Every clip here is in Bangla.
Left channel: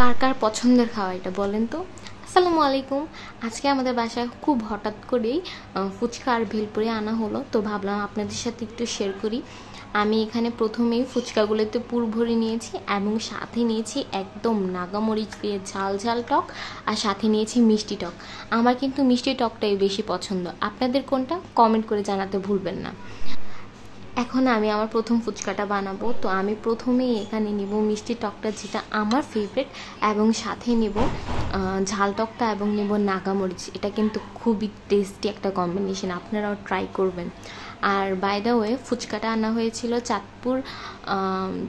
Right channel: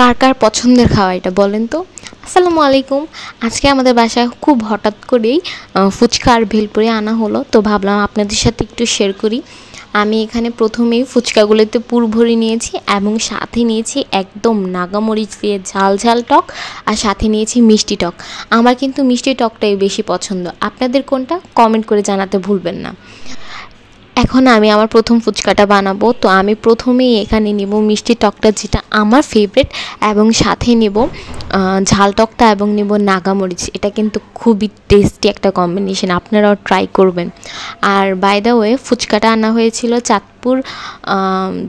কার কার পছন্দের খাওয়া এটা বলেন তো। আসসালামু আলাইকুম। আজকে আমাদের বাসায় খুব হঠাৎ করেই ফুচকা আর ভেলপুরি আনা হলো, তো ভাবলাম আপনাদের সাথে একটু শেয়ার করি। আমি এখানে প্রথমেই ফুচকাগুলোতে পুর ভরে নিয়েছি এবং সাথে নিয়েছি একদম নাগামরিচ দিয়ে ঝাল ঝাল টক, আর সাথে নিয়েছি মিষ্টি টক। আমার কিন্তু মিষ্টি টকটাই বেশি পছন্দ। আপনাদের কোনটা কমেন্ট করে জানাতে ভুলবেন না। এখন আমি আমার প্রথম ফুচকাটা বানাবো, তো আমি প্রথমেই এখানে নিব মিষ্টি টকটা, যেটা আমার ফেভারিট, এবং সাথে নেব ঝাল টকটা এবং নেব নাগামরিচ। এটা কিন্তু খুবই টেস্টি একটা কম্বিনেশন, আপনারাও ট্রাই করবেন। আর বাই দ্য ওয়ে, ফুচকাটা আনা হয়েছিল চাঁদপুর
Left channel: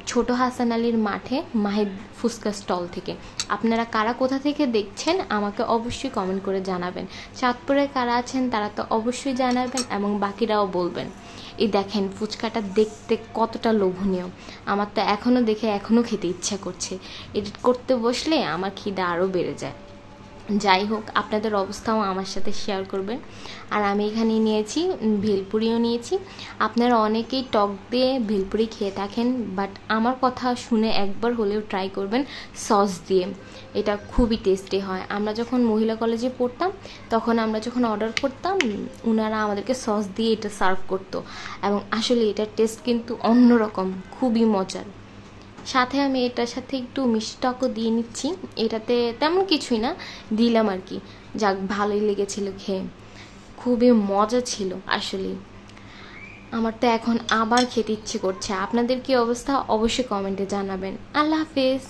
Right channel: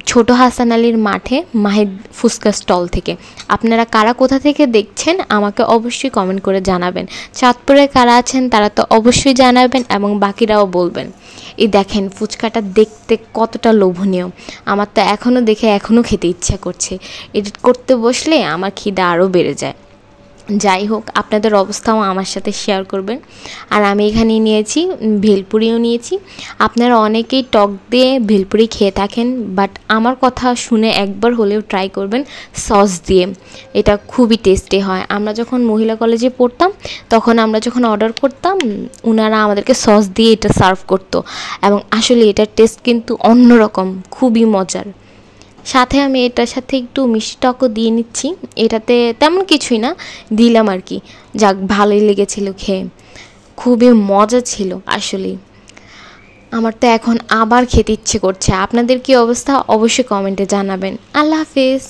ছোট হাসান আলীর মাঠে মাহিদ ফুচকা স্টল থেকে। আপনারা কারা কোথা থেকে দেখছেন আমাকে অবশ্যই কমেন্ট করে জানাবেন। চাঁদপুরে কারা আছেন তারা তো অবশ্যই জানাবেন এবং বাকিরাও বলবেন। এই দেখেন ফুচকাটা দেখতে কতটা লোভনীয়, আমার তো এখনও দেখে এখনও খেতে ইচ্ছা করছে। এডিট করতে বসলে আমার খিদা আরও বেড়ে যায়। যাই হোক, আপনাদের অবস্থাও আমার সাথে শেয়ার করবেন। আর আমি এখানে নিয়েছি ভেলপুরিও নিয়েছি। আপনারা অনেকেই টক দিয়ে ভেলপুরি খেয়ে থাকেন, বাট আমার কথা শুনে একবার হলেও ট্রাই করবেন সস দিয়ে। এটা খুবই টেস্টি হয়। আমরা যখন মহিলা কলেজে পড়তাম তখন আমরা যখন অর্ডার করতাম, ওনারা আমাদেরকে সস দিয়ে এটা সার্ভ করতো, এবং আসলে এটার টেস্ট কিন্তু অন্যরকম, খুবই মজার। সাথে আমি এটার সাথে একটু মিষ্টি টকও দিয়ে নিচ্ছি। এটাতে তেমন কিছুই না, দিলাম আর কি। যাক, ভালোই লেগেছিল খেয়ে, খুবই মজা ছিল আসলেই। আমার তো এখন আবার খেতে ইচ্ছে করছে। আপনাদের কি অবস্থা অবশ্যই কমেন্টে জানাবেন। আল্লাহ হাফেজ।